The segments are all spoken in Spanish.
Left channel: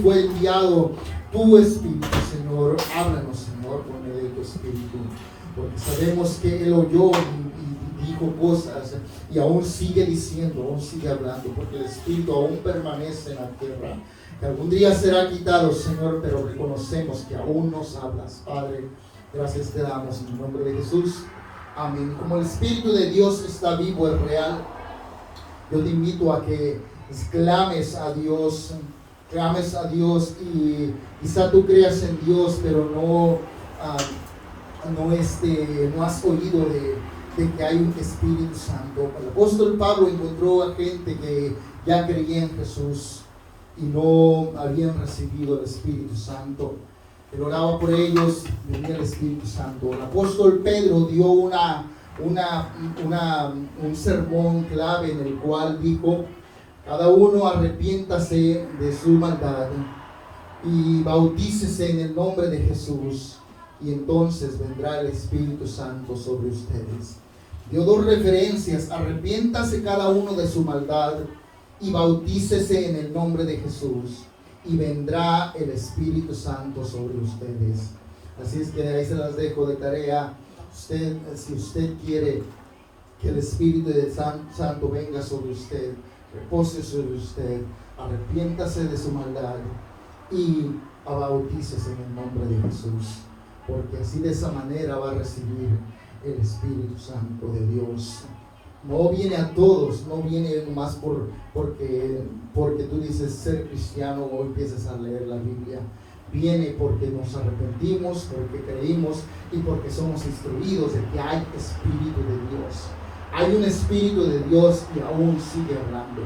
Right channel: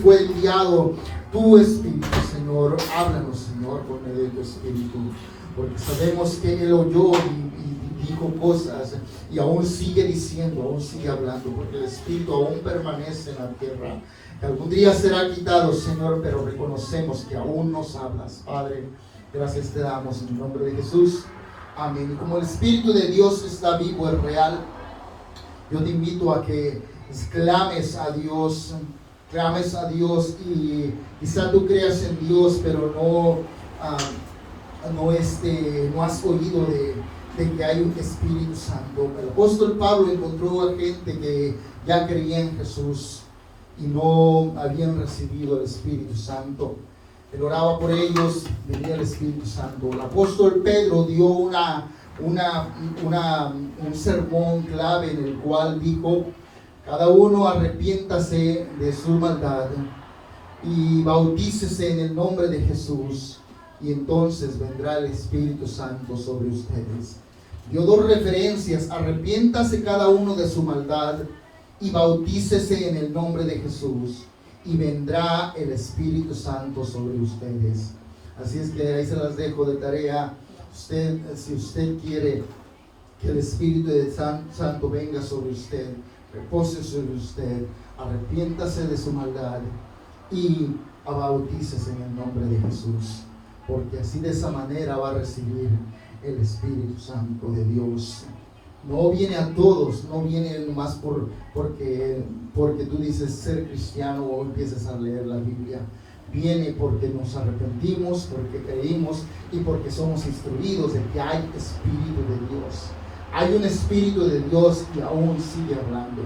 fue enviado tu Espíritu, Señor. Háblanos, Señor, por medio de tu Espíritu, porque sabemos que Él oyó y dijo cosas y aún sigue diciendo, aún sigue hablando, porque el Espíritu aún permanece en la tierra, que algún día será quitado, Señor, pero reconocemos que aún nos hablas, Padre. Gracias te damos en el nombre de Jesús. Amén. Y como el Espíritu de Dios está vivo, es real, yo te invito a que clames a Dios y quizá tú creas en Dios, pero no has oído de que hay un Espíritu Santo. El apóstol Pablo encontró a gente que ya creía en Jesús y no habían recibido el Espíritu Santo. Él oraba por ellos, venía el Espíritu Santo. El apóstol Pedro dio un sermón clave en el cual dijo: cada uno arrepiéntase de su maldad y bautícese en el nombre de Jesús, y entonces vendrá el Espíritu Santo sobre ustedes. Dio dos referencias: arrepiéntase cada uno de su maldad y bautícese en el nombre de Jesús, y vendrá el Espíritu Santo sobre ustedes. Así es que ahí se las dejo de tarea. Si usted quiere que el Espíritu Santo venga sobre usted, repose sobre usted, arrepiéntase de su maldad y bautícese en el nombre de Jesús, porque así, de esa manera, va a recibir el Espíritu Santo de Dios. No viene a todos, no viene más porque tú dices ser cristiano o empiezas a leer la Biblia. Viene porque nos arrepentimos, porque creímos y porque somos instruidos de que hay Espíritu de Dios. Hay un Espíritu de Dios y aún sigue hablando.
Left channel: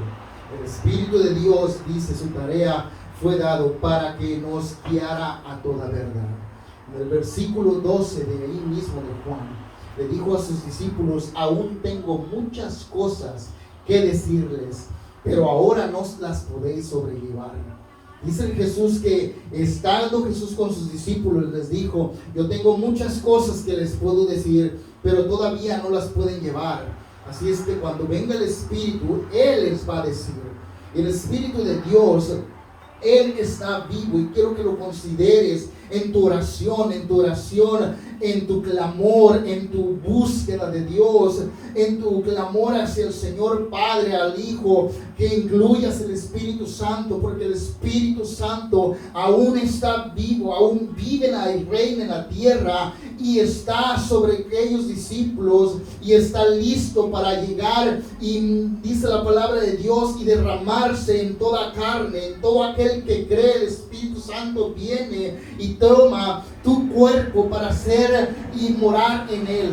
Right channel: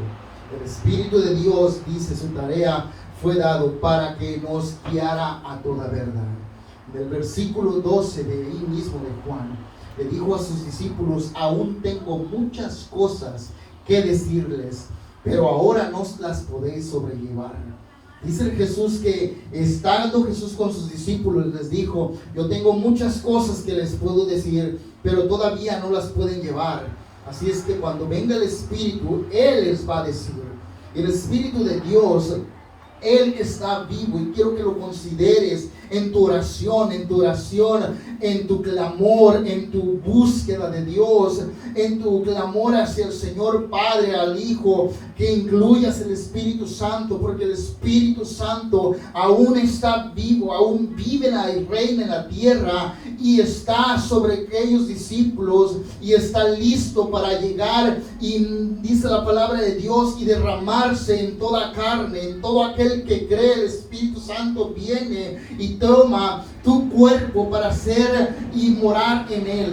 El Espíritu de Dios, dice, su tarea fue dado para que nos guiara a toda verdad. En el versículo 12 de ahí mismo de Juan, le dijo a sus discípulos: aún tengo muchas cosas que decirles, pero ahora no las podéis sobrellevar. Dice Jesús que, estando Jesús con sus discípulos, les dijo: yo tengo muchas cosas que les puedo decir, pero todavía no las pueden llevar. Así es que cuando venga el Espíritu, Él les va a decir. El Espíritu de Dios, Él está vivo, y quiero que lo consideres en tu oración, en tu clamor, en tu búsqueda de Dios, en tu clamor hacia el Señor Padre, al Hijo, que incluyas el Espíritu Santo, porque el Espíritu Santo aún está vivo, aún vive y reina en la tierra, y está sobre aquellos discípulos, y está listo para llegar, y dice la palabra de Dios, y derramarse en toda carne, en todo aquel que cree. El Espíritu Santo viene y toma tu cuerpo para ser y morar en él.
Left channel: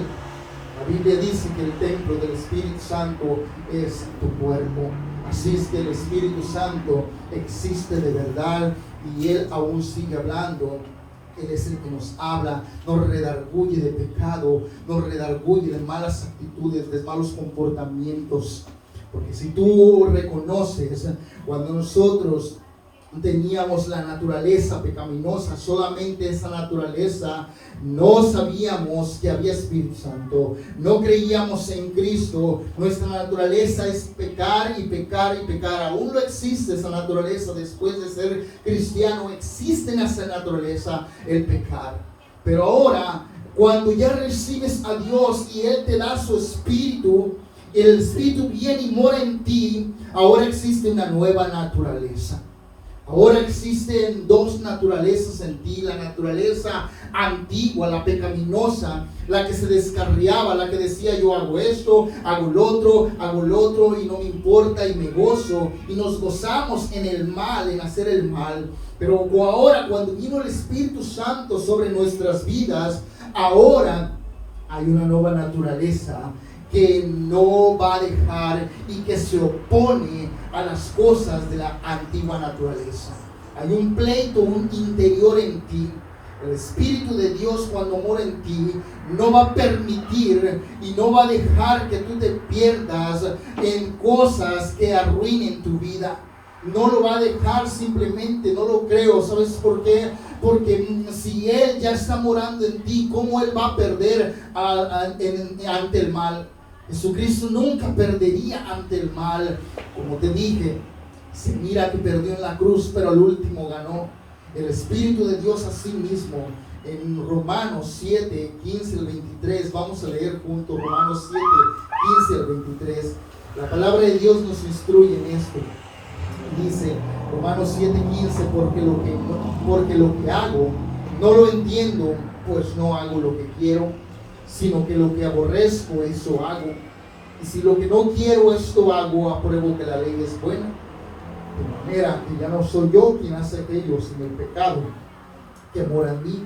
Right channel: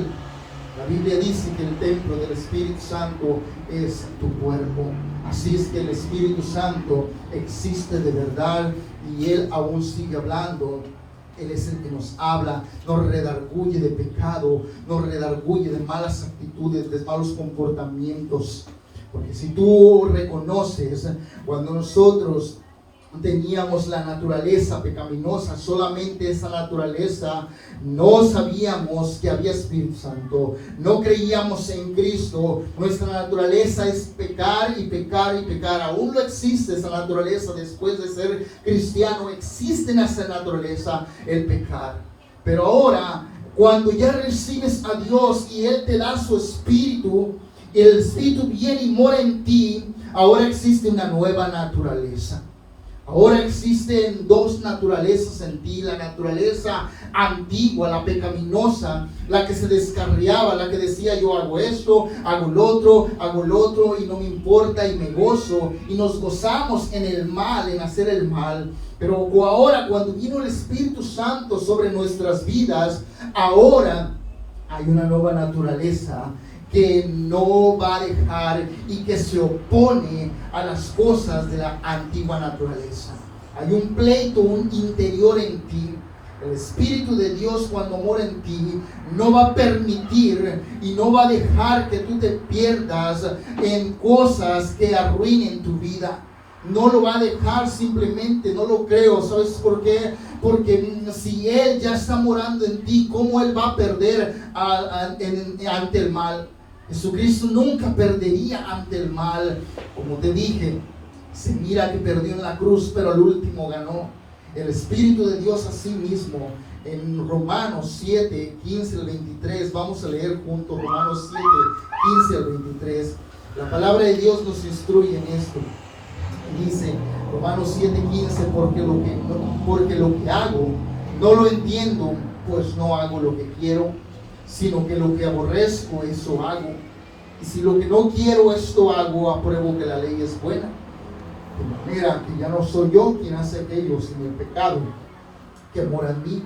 La Biblia dice que el templo del Espíritu Santo es tu cuerpo. Así es que el Espíritu Santo existe de verdad, y Él aún sigue hablando. Él es el que nos habla, nos redarguye de pecado, nos redarguye de malas actitudes, de malos comportamientos. Porque si tú reconoces, cuando nosotros teníamos la naturaleza pecaminosa, solamente esa naturaleza, no sabíamos que había Espíritu Santo, no creíamos en Cristo. Nuestra naturaleza es pecar y pecar y pecar. Aún no existe esa naturaleza. Después de ser cristiano, existe en esa naturaleza el pecar. Pero ahora, cuando ya recibes a Dios y Él te da su Espíritu, y el Espíritu viene y mora en ti, ahora existe una nueva naturaleza. Ahora existen dos naturalezas en ti: la naturaleza antigua, la pecaminosa, la que se descarriaba, la que decía: yo hago esto, hago lo otro y no me importa y me gozo, y nos gozamos en el mal, en hacer el mal. Pero ahora, cuando vino el Espíritu Santo sobre nuestras vidas, ahora hay una nueva naturaleza que no va a dejar y que se opone a las cosas de la antigua naturaleza. Hay un pleito, un interior en ti. El Espíritu de Dios, cuando mora en ti, no va a permitir y no va a dejar que tú te pierdas en cosas que arruinen tu vida. No lo va a dejar, simplemente no lo creo. ¿Sabes por qué? Porque si Él ya está morando en ti, ¿cómo Él va a perder ante el mal? Jesucristo nunca perdería ante el mal. Como te dije, Se mira que perdió en la cruz, pero al último ganó. El Espíritu de Dios a sí mismo, en Romanos 7, 15 al 23, vamos a leer juntos Romanos 7, 15 al 23. La palabra de Dios nos instruye en esto. Dice Romanos 7, 15, porque lo que hago no lo entiendo, pues no hago lo que quiero, sino que lo que aborrezco, eso hago. Y si lo que no quiero, esto hago, apruebo que la ley es buena. De manera que ya no soy yo quien hace aquello, sino el pecado que mora en mí.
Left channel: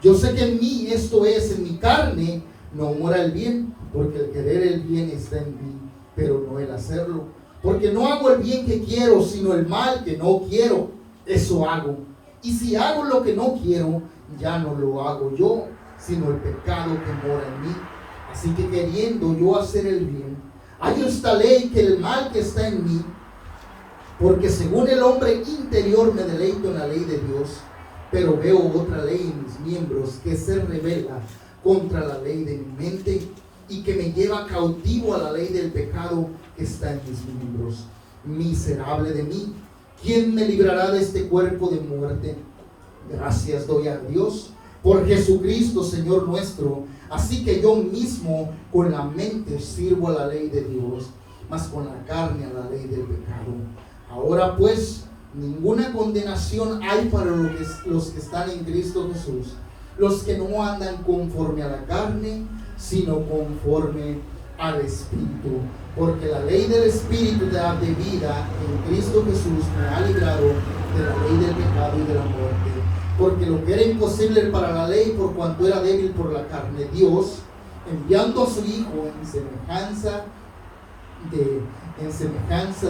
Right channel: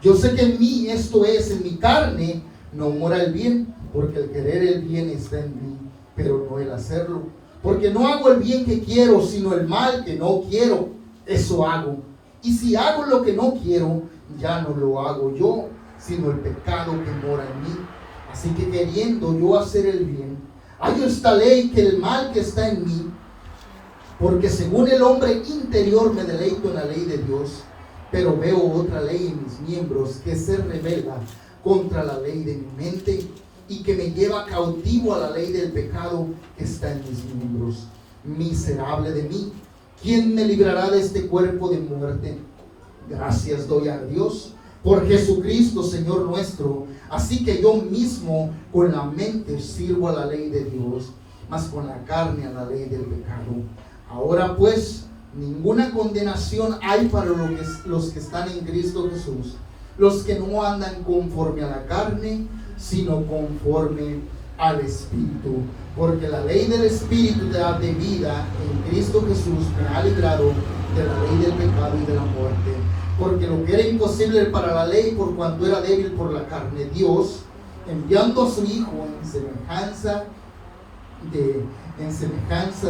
Yo sé que en mí, esto es, en mi carne, no mora el bien, porque el querer el bien está en mí, pero no el hacerlo. Porque no hago el bien que quiero, sino el mal que no quiero, eso hago. Y si hago lo que no quiero, ya no lo hago yo, sino el pecado que mora en mí. Así que queriendo yo hacer el bien, hay esta ley que el mal que está en mí, porque según el hombre interior me deleito en la ley de Dios, pero veo otra ley en mis miembros que se rebela contra la ley de mi mente y que me lleva cautivo a la ley del pecado que está en mis miembros. Miserable de mí, ¿quién me librará de este cuerpo de muerte? Gracias doy a Dios por Jesucristo, Señor nuestro. Así que yo mismo con la mente sirvo a la ley de Dios, mas con la carne a la ley del pecado. Ahora pues, ninguna condenación hay para los que están en Cristo Jesús, los que no andan conforme a la carne, sino conforme al Espíritu. Porque la ley del Espíritu de vida en Cristo Jesús me ha librado de la ley del pecado y de la muerte. Porque lo que era imposible para la ley, por cuanto era débil por la carne, Dios, enviando a su Hijo en semejanza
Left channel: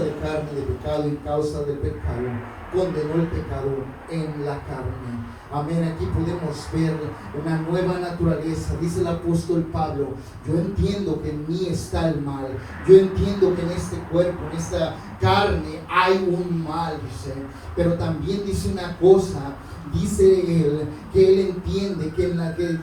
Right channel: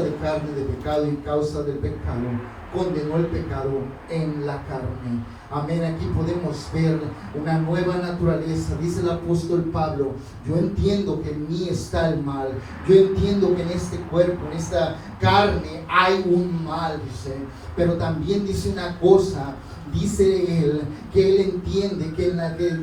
de carne, de pecado y causa del pecado, condenó el pecado en la carne. Amén. Aquí podemos ver una nueva naturaleza. Dice el apóstol Pablo: yo entiendo que en mí está el mal, yo entiendo que en este cuerpo, en esta carne hay un mal, dice. Pero también dice una cosa, dice él, que él entiende que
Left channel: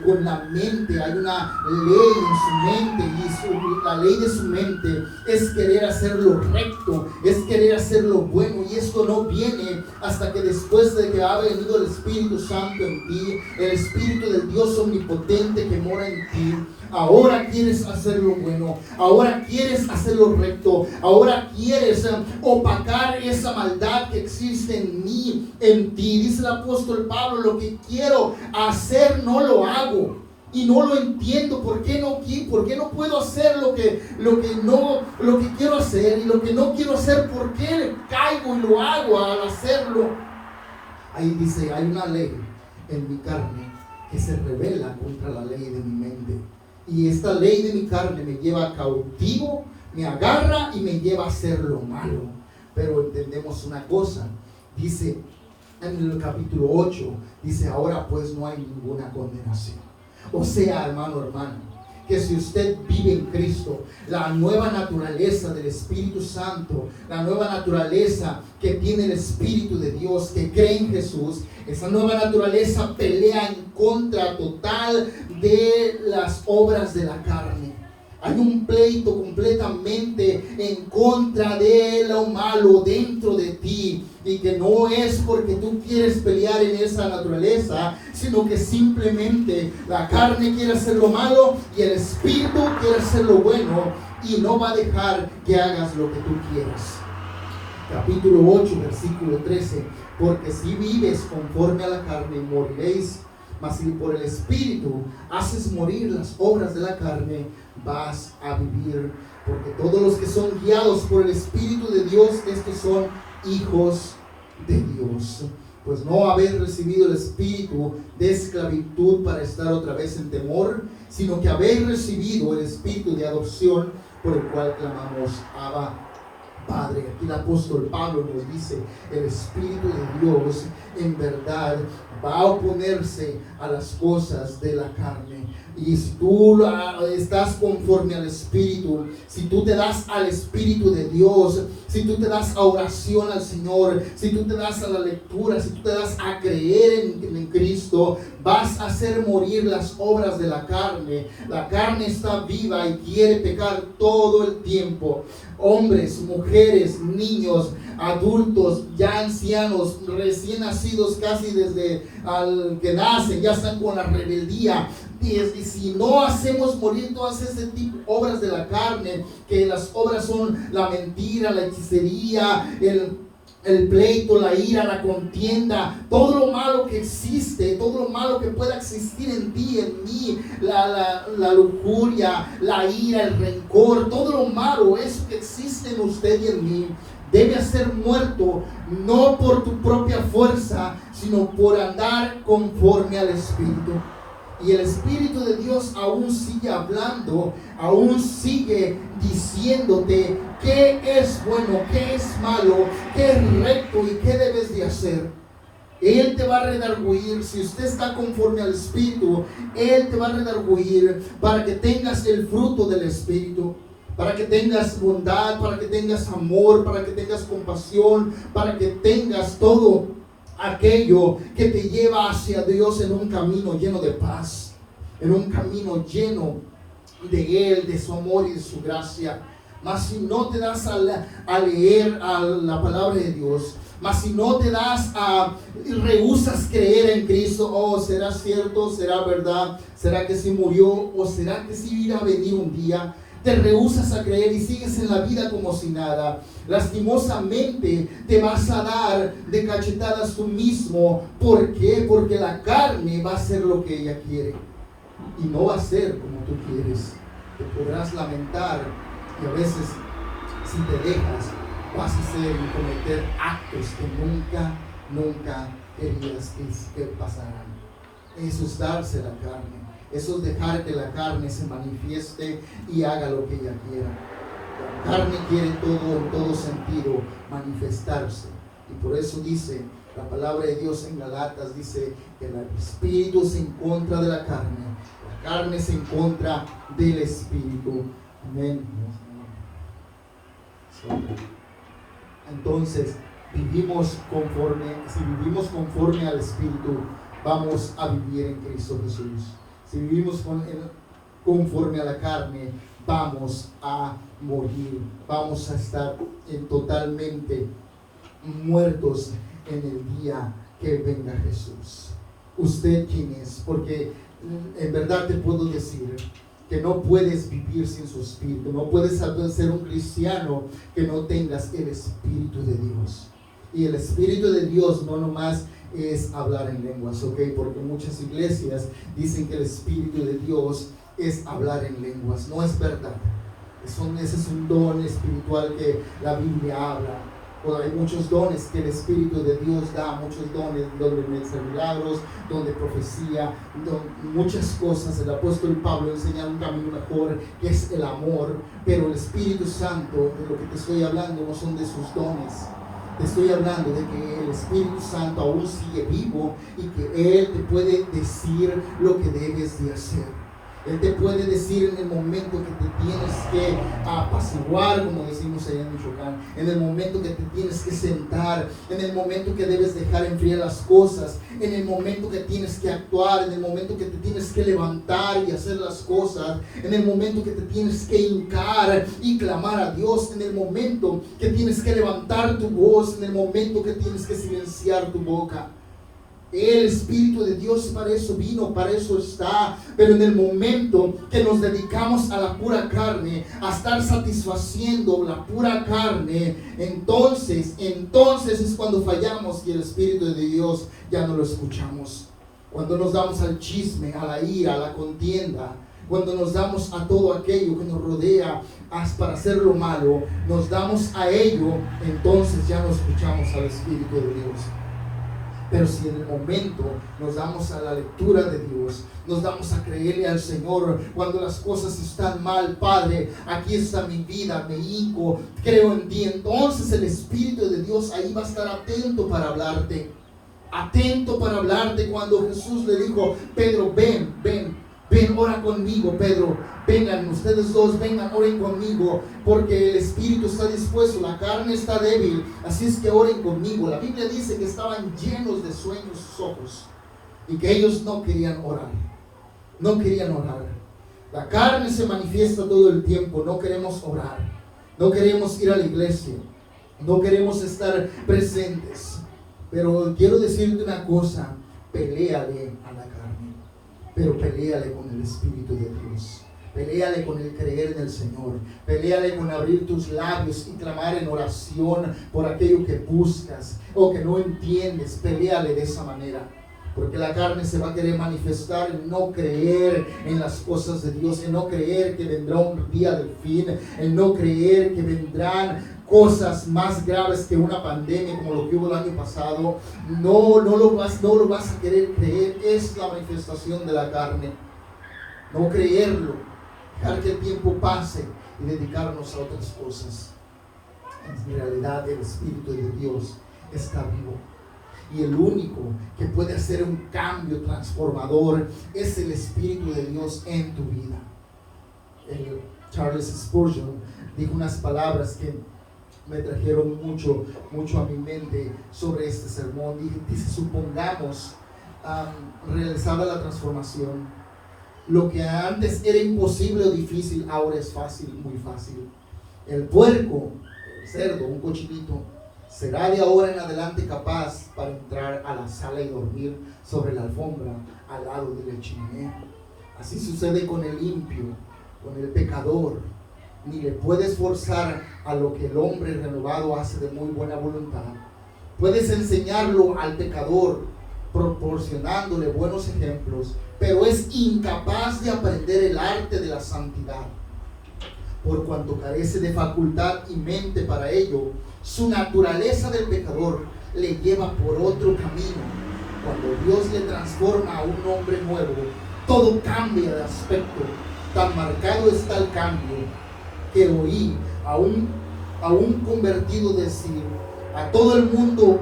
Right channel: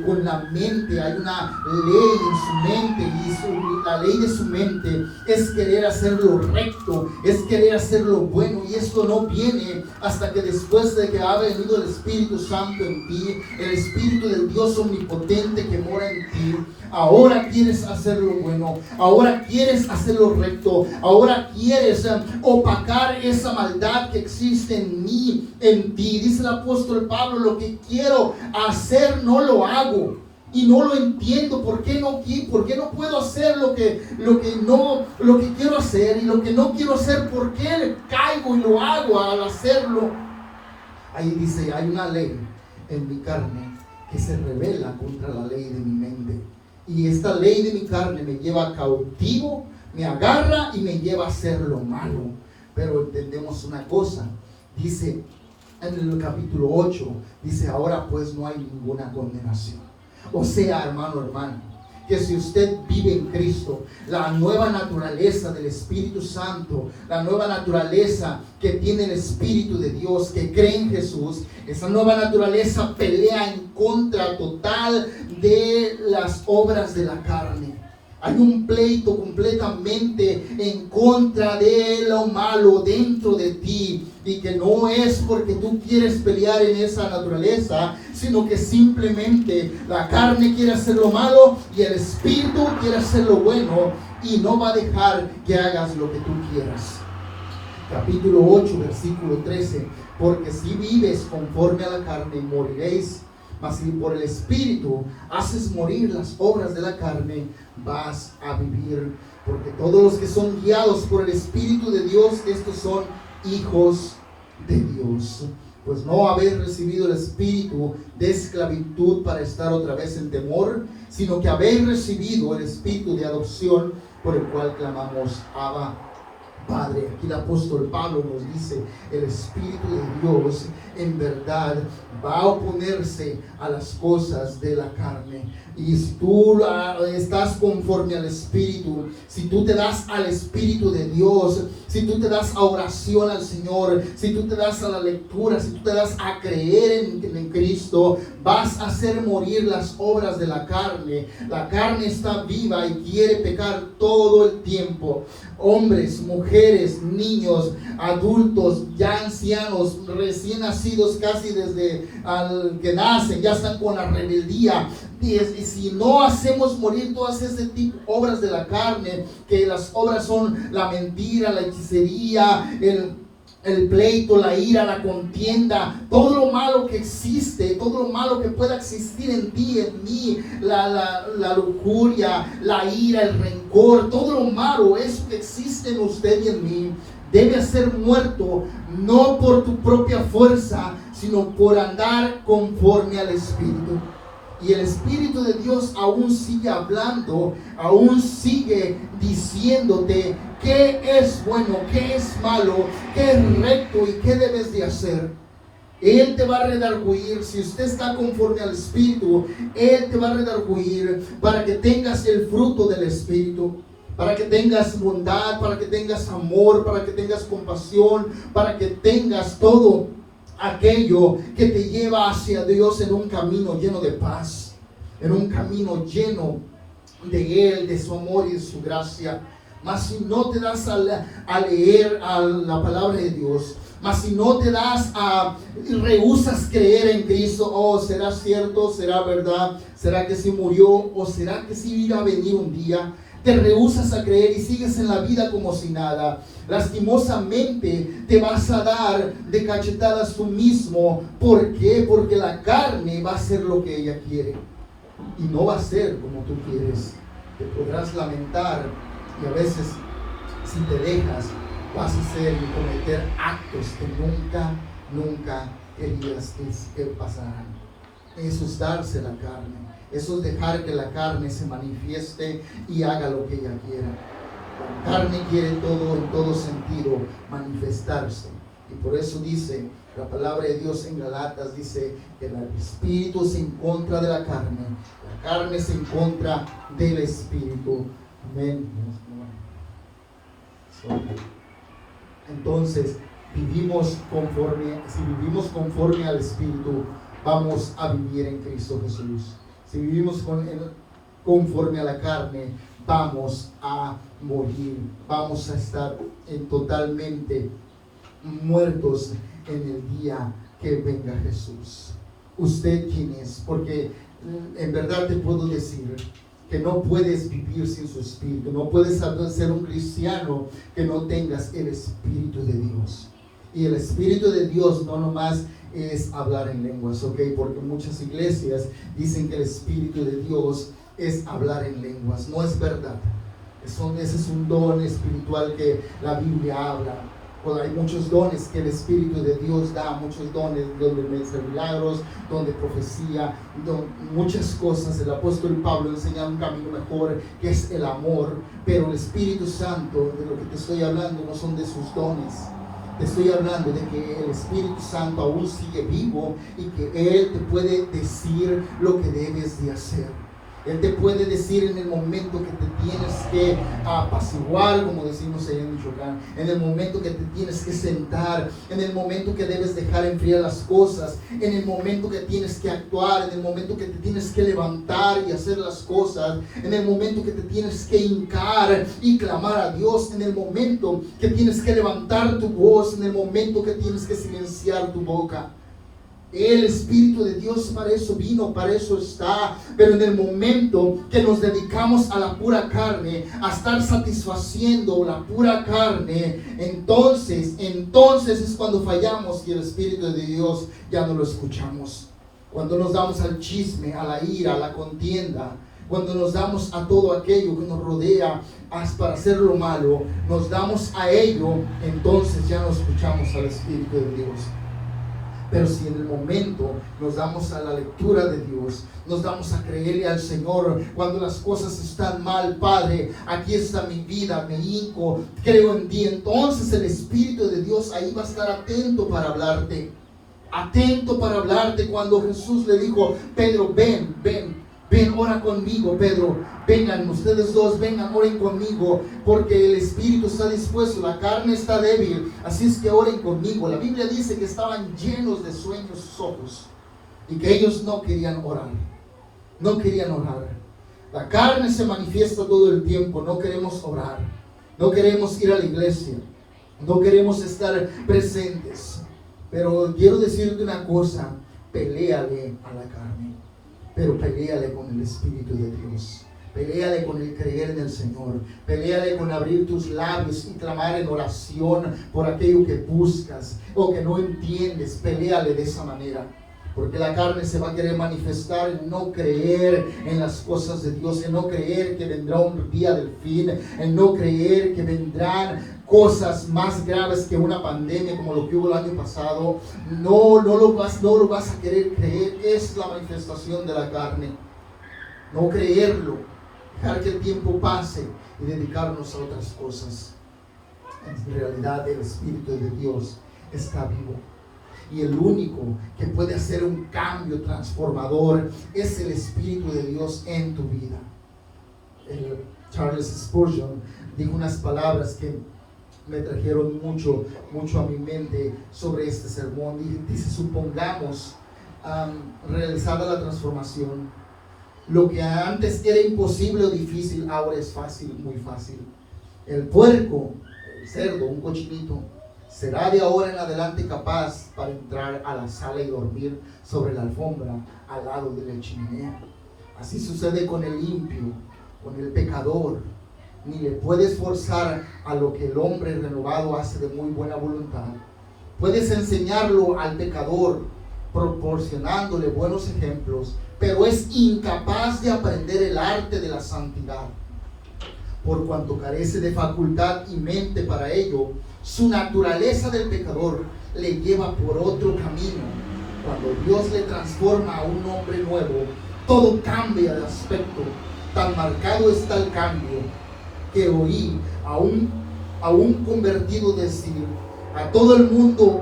con la mente hay una ley en su mente, y la ley de su mente es querer hacer lo recto, es querer hacer lo bueno, y esto no viene hasta que después de que ha venido el Espíritu Santo en ti, el Espíritu del Dios omnipotente que mora en ti. Ahora quieres hacer lo bueno, ahora quieres hacer lo recto, ahora quieres opacar esa maldad que existe en mí, en ti. Dice el apóstol Pablo: lo que quiero hacer no lo hago y no lo entiendo. ¿Por qué no puedo hacer lo que quiero hacer? Y lo que no quiero hacer, ¿por qué caigo y lo hago al hacerlo? Ahí dice: hay una ley en mi carne que se rebela contra la ley de mi mente. Y esta ley de mi carne me lleva cautivo, me agarra y me lleva a hacer lo malo. Pero entendemos una cosa, dice en el capítulo 8, dice: ahora pues no hay ninguna condenación. O sea, hermano, que si usted vive en Cristo, la nueva naturaleza del Espíritu Santo, la nueva naturaleza que tiene el Espíritu de Dios, que cree en Jesús, esa nueva naturaleza pelea en contra total de las obras de la carne. Hay un pleito completamente en contra de lo malo dentro de ti, y que no es porque tú quieres pelear en esa naturaleza, sino que simplemente la carne quiere hacer lo malo y el Espíritu quiere hacer lo bueno, y no va a dejar que hagas lo que tú quieras. Capítulo 8, versículo 13: porque si vives conforme a la carne, moriréis. Mas si por el Espíritu haces morir las obras de la carne, vas a vivir. Porque todos los que son guiados por el Espíritu de Dios, estos son hijos de Dios. Pues no habéis recibido el espíritu de esclavitud para estar otra vez en temor, sino que habéis recibido el espíritu de adopción, por el cual clamamos: Abba, Padre. Aquí el apóstol Pablo nos dice: el Espíritu de Dios en verdad va a oponerse a las cosas de la carne. Y si tú estás conforme al Espíritu, si tú te das al Espíritu de Dios, si tú te das a oración al Señor, si tú te das a la lectura, si tú te das a creer en Cristo, vas a hacer morir las obras de la carne. La carne está viva y quiere pecar todo el tiempo. Hombres, mujeres, niños, adultos, ya ancianos, recién nacidos, casi desde al que nacen, ya están con la rebeldía. Y si no hacemos morir todas ese tipo de obras de la carne, que las obras son la mentira, la hechicería, el pleito, la ira, la contienda, todo lo malo que existe, todo lo malo que pueda existir en ti, en mí, la lujuria, la ira, el rencor, todo lo malo, eso que existe en usted y en mí, debe ser muerto, no por tu propia fuerza, sino por andar conforme al Espíritu. Y el Espíritu de Dios aún sigue hablando, aún sigue diciéndote qué es bueno, qué es malo, qué es recto y qué debes de hacer. Él te va a redarguir. Si usted está conforme al Espíritu, Él te va a redarguir para que tengas el fruto del Espíritu, para que tengas bondad, para que tengas amor, para que tengas compasión, para que tengas todo aquello que te lleva hacia Dios en un camino lleno de paz, en un camino lleno de Él, de su amor y de su gracia. Mas si no te das a leer a la palabra de Dios, mas si no te das rehusas creer en Cristo, oh, ¿será cierto? ¿Será verdad? ¿Será que sí murió? ¿O será que sí irá a venir un día? Te rehusas a creer y sigues en la vida como si nada. Lastimosamente te vas a dar de cachetadas tú mismo. ¿Por qué? Porque la carne va a hacer lo que ella quiere y no va a ser como tú quieres. Te podrás lamentar y a veces, si te dejas, vas a hacer y cometer actos que nunca querías que pasaran. Eso es darse la carne. Eso es dejar que la carne se manifieste y haga lo que ella quiera. La carne quiere todo, en todo sentido, manifestarse. Y por eso dice la palabra de Dios en Galatas, dice que el espíritu se encuentra de la carne se encuentra del espíritu. Amén. Entonces, si vivimos conforme al Espíritu, vamos a vivir en Cristo Jesús. Si vivimos conforme a la carne, vamos a morir, vamos a estar totalmente muertos en el día que venga Jesús. ¿Usted quién es? Porque en verdad te puedo decir que no puedes vivir sin su Espíritu. No puedes ser un cristiano que no tengas el Espíritu de Dios. Y el Espíritu de Dios no nomás es hablar en lenguas, ¿ok? Porque muchas iglesias dicen que el Espíritu de Dios es hablar en lenguas. No es verdad. Ese es un don espiritual que la Biblia habla. Bueno, hay muchos dones que el Espíritu de Dios da, muchos dones donde milagros, donde profecía, muchas cosas. El apóstol Pablo enseña un camino mejor, que es el amor. Pero el Espíritu Santo, de lo que te estoy hablando, no son de sus dones. Te estoy hablando de que el Espíritu Santo aún sigue vivo y que Él te puede decir lo que debes de hacer. Él te puede decir en el momento que te tienes que apaciguar, como decimos allá en Michoacán, en el momento que te tienes que sentar, en el momento que debes dejar enfriar las cosas, en el momento que tienes que actuar, en el momento que te tienes que levantar y hacer las cosas, en el momento que te tienes que hincar y clamar a Dios, en el momento que tienes que levantar tu voz, en el momento que tienes que silenciar tu boca. El Espíritu de Dios para eso vino, para eso está. Pero en el momento que nos dedicamos a la pura carne, a estar satisfaciendo la pura carne, entonces es cuando fallamos y el Espíritu de Dios ya no lo escuchamos. Cuando nos damos al chisme, a la ira, a la contienda, cuando nos damos a todo aquello que nos rodea para hacer lo malo, nos damos a ello, entonces ya no escuchamos al Espíritu de Dios. Pero si en el momento nos damos a la lectura de Dios, nos damos a creerle al Señor, cuando las cosas están mal, Padre, aquí está mi vida, me hinco, creo en ti, entonces el Espíritu de Dios ahí va a estar atento para hablarte. atento para hablarte. Cuando Jesús le dijo, Pedro, ven, ora conmigo, Pedro, vengan, ustedes dos, vengan, oren conmigo, porque el espíritu está dispuesto, la carne está débil, así es que oren conmigo. La Biblia dice que estaban llenos de sueños sus ojos y que ellos no querían orar. La carne se manifiesta todo el tiempo, no queremos orar, no queremos ir a la iglesia, no queremos estar presentes. Pero quiero decirte una cosa, peléale a la carne, pero peléale con el Espíritu de Dios. Peléale con el creer en el Señor. Peléale con abrir tus labios y clamar en oración por aquello que buscas o que no entiendes. Peléale de esa manera. Porque la carne se va a querer manifestar en no creer en las cosas de Dios, en no creer que vendrá un día del fin, en no creer que vendrán cosas más graves que una pandemia como lo que hubo el año pasado. No lo vas a querer creer. Es la manifestación de la carne. No creerlo, dejar que el tiempo pase y dedicarnos a otras cosas. En realidad el Espíritu de Dios está vivo. Y el único que puede hacer un cambio transformador es el Espíritu de Dios en tu vida. Charles Spurgeon dijo unas palabras que me trajeron mucho a mi mente sobre este sermón. Dice, supongamos realizada la transformación, lo que antes era imposible o difícil, ahora es fácil, muy fácil. El puerco, el cerdo, un cochinito, será de ahora en adelante capaz para entrar a la sala y dormir sobre la alfombra al lado de la chimenea. Así sucede con el impío, con el pecador. Ni le puedes forzar a lo que el hombre renovado hace de muy buena voluntad. Puedes enseñarlo al pecador proporcionándole buenos ejemplos, pero es incapaz de aprender el arte de la santidad. Por cuanto carece de facultad y mente para ello, su naturaleza del pecador le lleva por otro camino. Cuando Dios le transforma a un hombre nuevo, todo cambia de aspecto. Tan marcado está el cambio que oí a un convertido decir, a todo el mundo,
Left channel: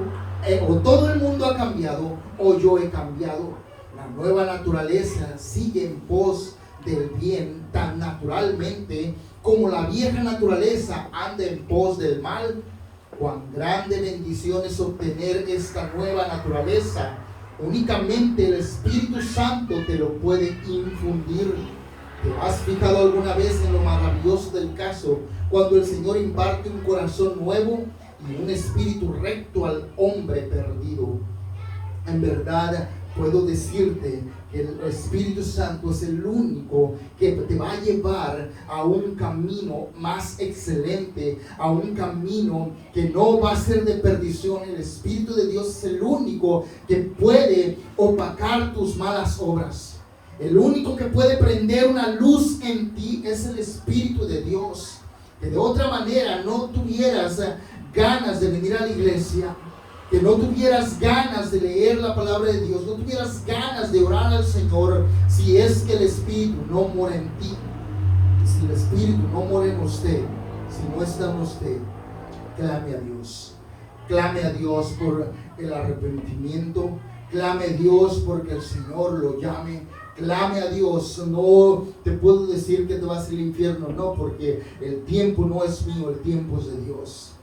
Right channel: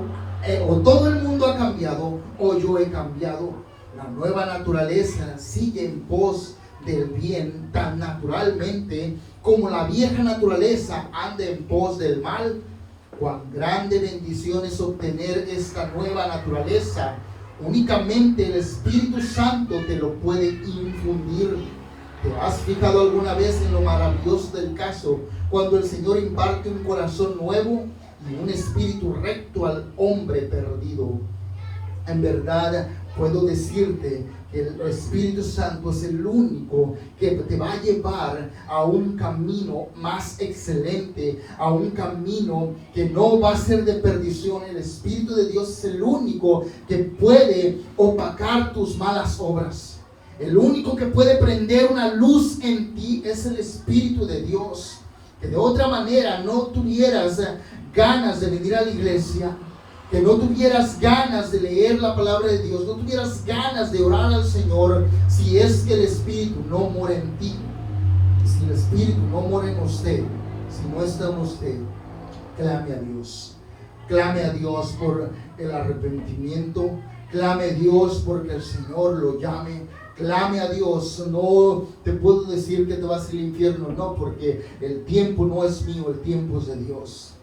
o todo el mundo ha cambiado, o yo he cambiado. La nueva naturaleza sigue en pos del bien tan naturalmente como la vieja naturaleza anda en pos del mal. Cuán grande bendición es obtener esta nueva naturaleza. Únicamente el Espíritu Santo te lo puede infundir. ¿Te has fijado alguna vez en lo maravilloso del caso cuando el Señor imparte un corazón nuevo y un espíritu recto al hombre perdido? En verdad puedo decirte que el Espíritu Santo es el único que te va a llevar a un camino más excelente, a un camino que no va a ser de perdición. El Espíritu de Dios es el único que puede opacar tus malas obras. El único que puede prender una luz en ti es el Espíritu de Dios. Que de otra manera no tuvieras ganas de venir a la iglesia, que no tuvieras ganas de leer la palabra de Dios, no tuvieras ganas de orar al Señor, si es que el Espíritu no mora en ti. Si el Espíritu no mora en usted, si no está en usted, clame a Dios. Clame a Dios por el arrepentimiento. Clame a Dios porque el Señor lo llame. Clame a Dios. No te puedo decir que te vas al infierno, no, porque el tiempo no es mío, el tiempo es de Dios.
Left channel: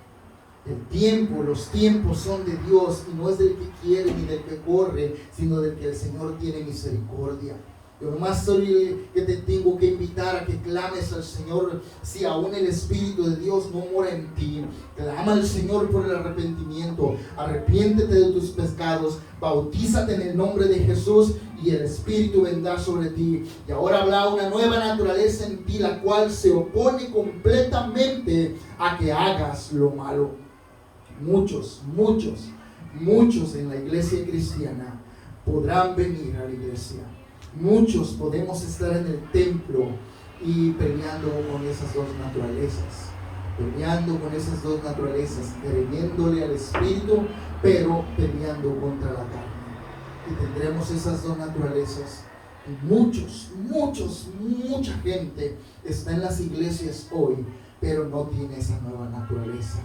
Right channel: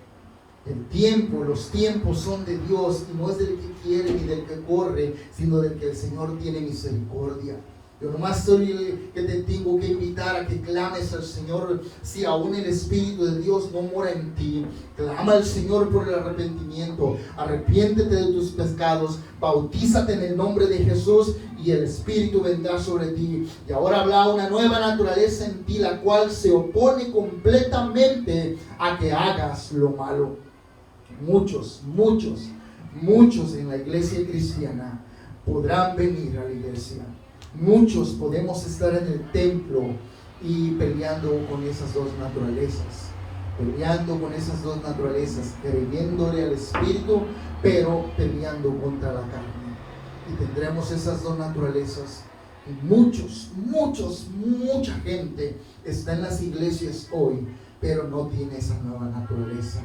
Los tiempos son de Dios y no es del que quiere ni del que corre, sino del que el Señor tiene misericordia. Yo nomás soy el que te tengo que invitar a que clames al Señor. Si aún el Espíritu de Dios no mora en ti, clama al Señor por el arrepentimiento. Arrepiéntete de tus pecados, bautízate en el nombre de Jesús y el Espíritu vendrá sobre ti. Y ahora habla una nueva naturaleza en ti, la cual se opone completamente a que hagas lo malo. Muchos en la iglesia cristiana podrán venir a la iglesia. Muchos podemos estar en el templo y peleando con esas dos naturalezas, creyéndole al Espíritu, pero peleando contra la carne. Y tendremos esas dos naturalezas. Y mucha gente está en las iglesias hoy, pero no tiene esa nueva naturaleza.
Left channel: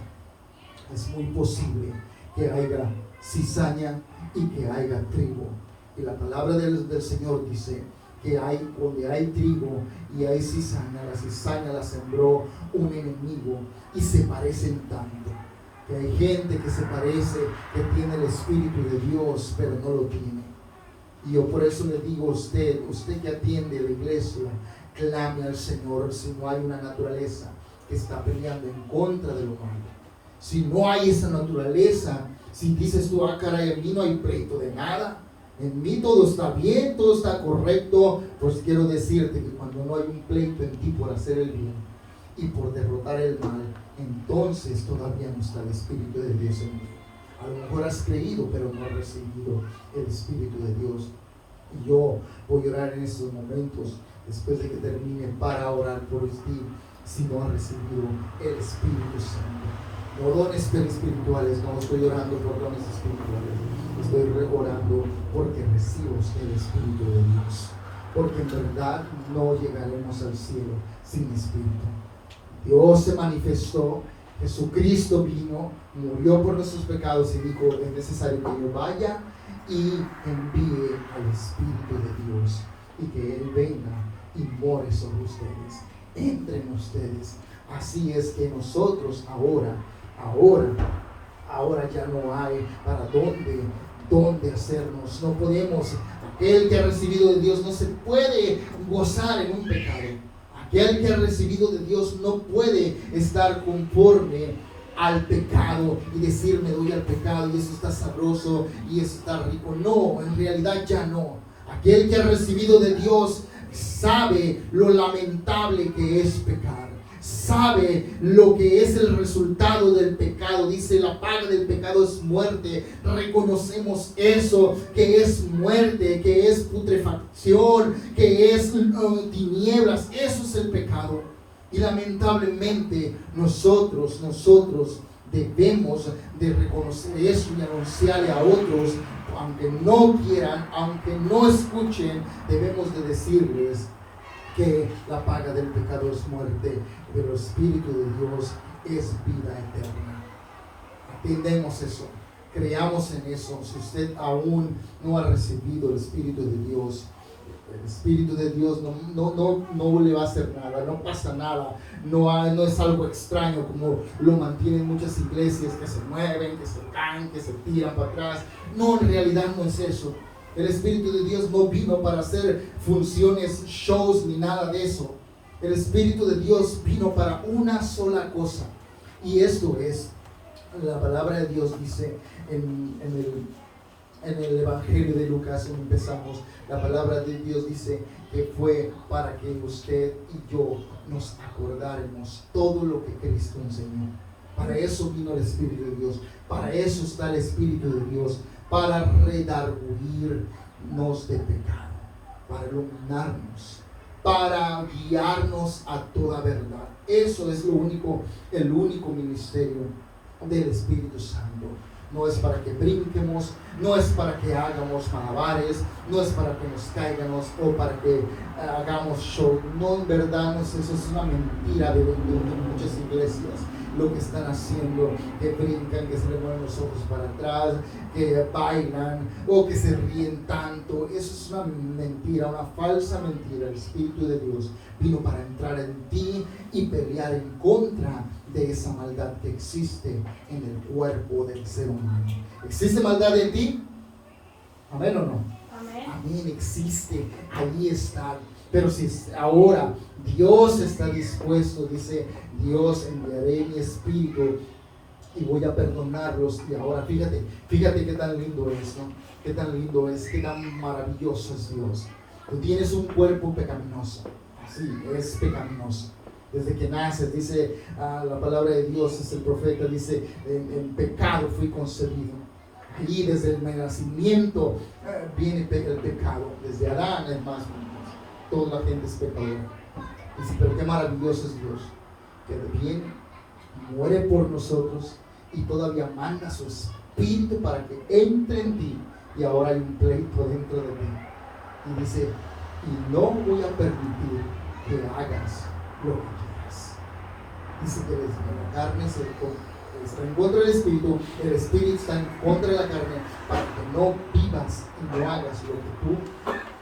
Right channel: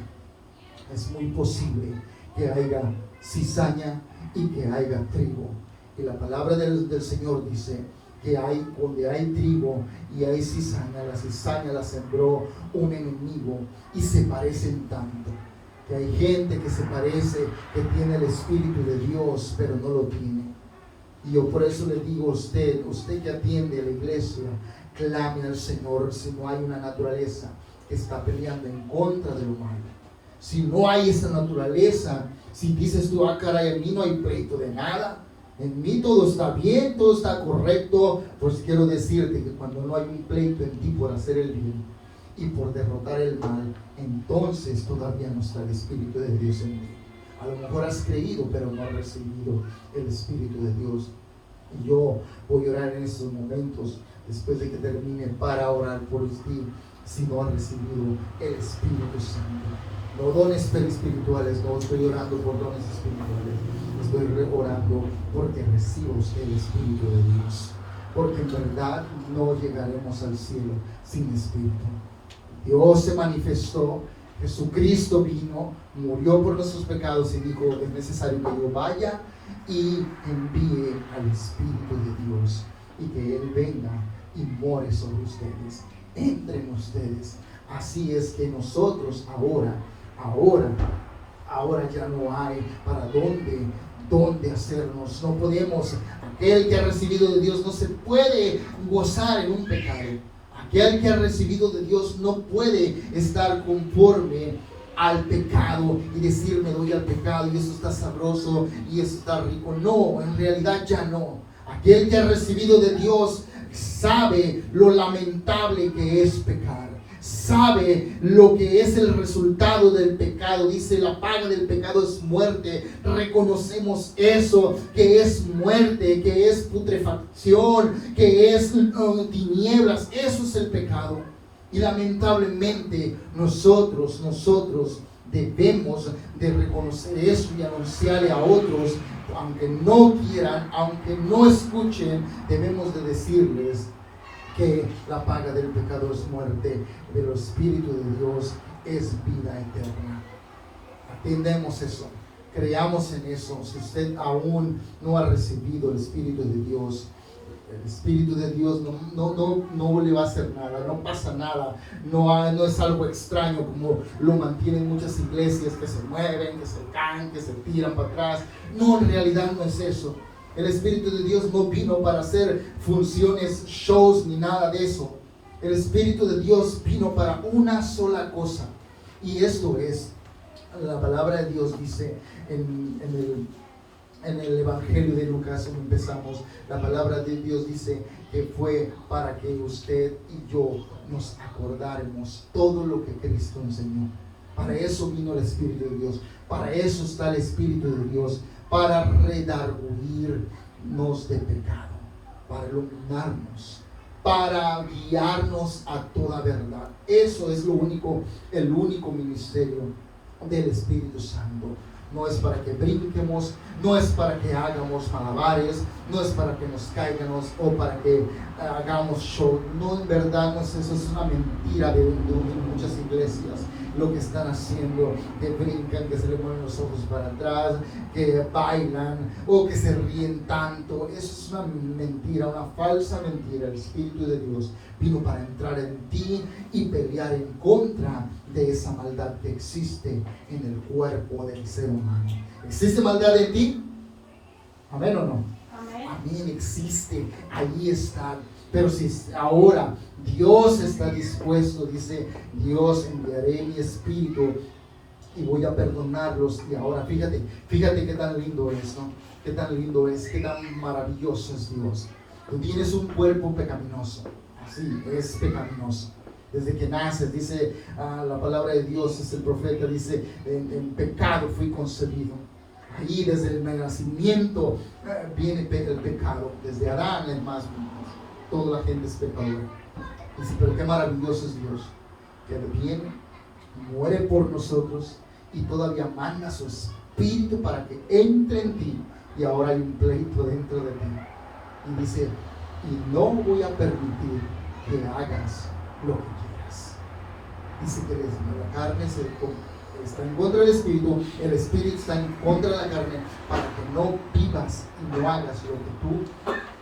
Es muy posible que haya cizaña, y que haya trigo. Y la palabra del Señor dice que donde hay trigo y hay cizaña, la cizaña la sembró un enemigo, y se parecen tanto, que hay gente que se parece, que tiene el Espíritu de Dios, pero no lo tiene. Y yo por eso le digo a usted que atiende a la iglesia, clame al Señor si no hay una naturaleza que está peleando en contra de lo malo. Si no hay esa naturaleza, si dices tú, caray, en mí no hay pleito de nada, en mí todo está bien, todo está correcto, pues quiero decirte que cuando no hay un pleito en ti por hacer el bien y por derrotar el mal, entonces todavía no está el Espíritu de Dios en ti. A lo mejor has creído, pero no has recibido el Espíritu de Dios. Y yo voy a orar en estos momentos, después de que termine, para orar por ti, si no has recibido el Espíritu Santo. No dones espirituales, no estoy orando por dones espirituales, estoy orando porque recibas el Espíritu de Dios, porque en verdad no llegaremos al cielo sin Espíritu. Dios se manifestó, Jesucristo vino, murió por nuestros pecados y dijo, es necesario que yo vaya y envíe al Espíritu de Dios y que Él venga y more sobre ustedes, entre en ustedes. Así es que nosotros ahora ya no hay para dónde hacernos. No podemos, aquel que ha recibido de Dios no se puede gozar en un pecado. Aquel que ha recibido de Dios no puede estar conforme al pecado y decir, me doy al pecado y eso está sabroso y eso está rico. No, en realidad ya no. Aquel que ha recibido de Dios sabe lo lamentable que es pecar. Sabe lo que es el resultado del pecado. Dice, la paga del pecado es muerte. Reconocemos eso, que es muerte, que es putrefacción, que es tinieblas. Eso es el pecado. Y lamentablemente nosotros debemos de reconocer eso y anunciarle a otros, aunque no quieran, aunque no escuchen, debemos de decirles que la paga del pecado es muerte, pero el Espíritu de Dios es vida eterna. Atendemos eso, creamos en eso. Si usted aún no ha recibido el Espíritu de Dios, el Espíritu de Dios no le va a hacer nada, no pasa nada, no es algo extraño como lo mantienen muchas iglesias, que se mueven, que se caen, que se tiran para atrás. No, en realidad no es eso. El Espíritu de Dios no vino para hacer funciones, shows, ni nada de eso. El Espíritu de Dios vino para una sola cosa. Y esto es, la palabra de Dios dice en el Evangelio de Lucas, donde empezamos, la palabra de Dios dice que fue para que usted y yo nos acordáramos todo lo que Cristo enseñó. Para eso vino el Espíritu de Dios. Para eso está el Espíritu de Dios. Para redarguirnos de pecado, para iluminarnos, para guiarnos a toda verdad. Eso es el único ministerio del Espíritu Santo. No es para que brinquemos, no es para que hagamos malabares, no es para que nos caigamos o para que hagamos show. No, en verdad no es eso, es una mentira de muchas iglesias. Lo que están haciendo, que brincan, que se le mueven los ojos para atrás, que bailan o que se ríen tanto. Eso es una mentira, una falsa mentira. El Espíritu de Dios vino para entrar en ti y pelear en contra de esa maldad que existe en el cuerpo del ser humano. ¿Existe maldad en ti? ¿Amén o no? Amén. Amén, existe, ahí está. Pero si ahora Dios está dispuesto, dice Dios, enviaré mi Espíritu y voy a perdonarlos. Y ahora fíjate qué tan lindo es, ¿no? Qué tan lindo es, qué tan maravilloso es Dios. Tú tienes un cuerpo pecaminoso, así es pecaminoso. Desde que naces, dice la palabra de Dios, es el profeta, dice, en pecado fui concebido. Ahí desde el nacimiento viene el pecado, desde Adán es más. Toda la gente es pecadora. Dice, pero qué maravilloso es Dios, que viene, muere por nosotros y todavía manda su Espíritu para que entre en ti. Y ahora hay un pleito dentro de ti. Y dice, y no voy a permitir que hagas lo que quieras. Dice que la carne está en contra del espíritu está en contra de la carne, para que no vivas y no hagas lo que tú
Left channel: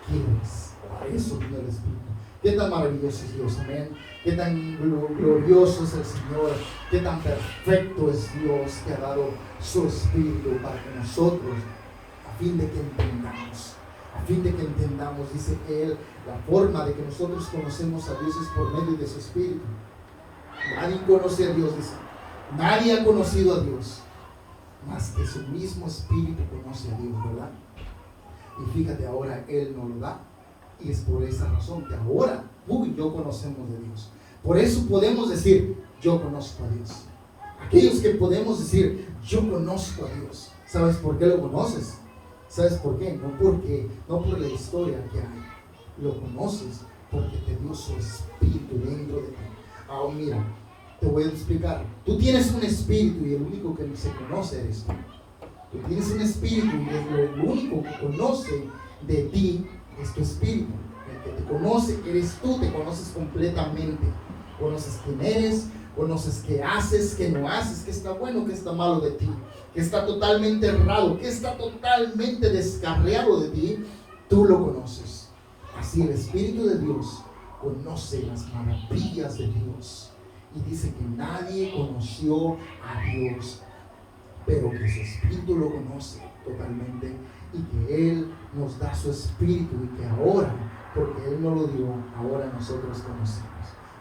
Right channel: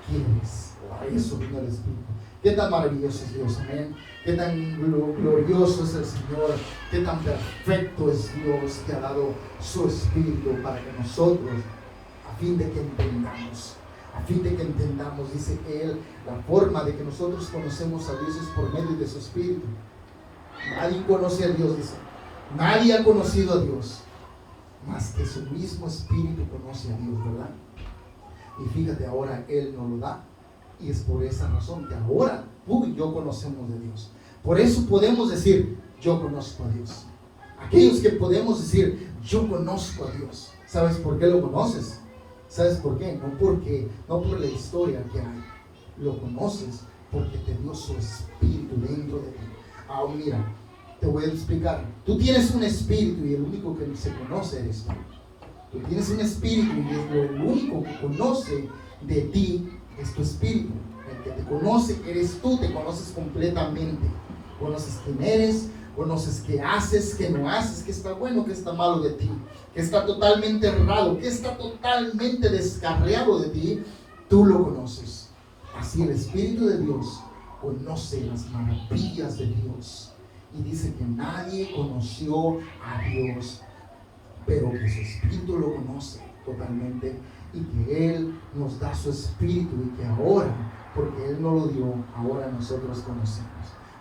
quieres. Para eso vino el espíritu. Qué tan maravilloso es Dios, amén. Qué tan glorioso es el Señor. Qué tan perfecto es Dios, que ha dado su espíritu para que nosotros, a fin de que entendamos, dice Él, la forma de que nosotros conocemos a Dios es por medio de su espíritu. Nadie conoce a Dios, dice. Nadie ha conocido a Dios, más que su mismo espíritu conoce a Dios, ¿verdad? Y fíjate, ahora Él nos lo da. Y es por esa razón que ahora tú y yo conocemos de Dios. Por eso podemos decir, yo conozco a Dios. Aquellos que podemos decir, yo conozco a Dios. ¿Sabes por qué lo conoces? ¿Sabes por qué? No por la historia que hay. Lo conoces porque te dio su espíritu dentro de ti. Ahora mira, te voy a explicar. Tú tienes un espíritu y el único que se conoce eres tú. Tú tienes un espíritu y el único que conoce de ti es tu espíritu. El que te conoce eres tú, te conoces completamente. Conoces quién eres, conoces qué haces, qué no haces, qué está bueno, qué está malo de ti, qué está totalmente errado, qué está totalmente descarriado de ti. Tú lo conoces. Así el Espíritu de Dios conoce las maravillas de Dios. Y dice que nadie conoció a Dios, pero que su Espíritu lo conoce totalmente. Y que Él nos da su espíritu y que ahora, porque Él nos lo dio, ahora nosotros conocemos.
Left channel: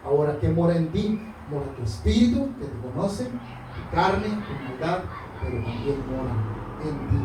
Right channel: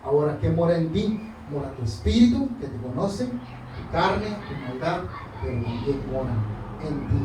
Ahora, ¿qué mora en ti? Mora tu espíritu, que te conoce, tu carne, tu maldad, pero también mora en ti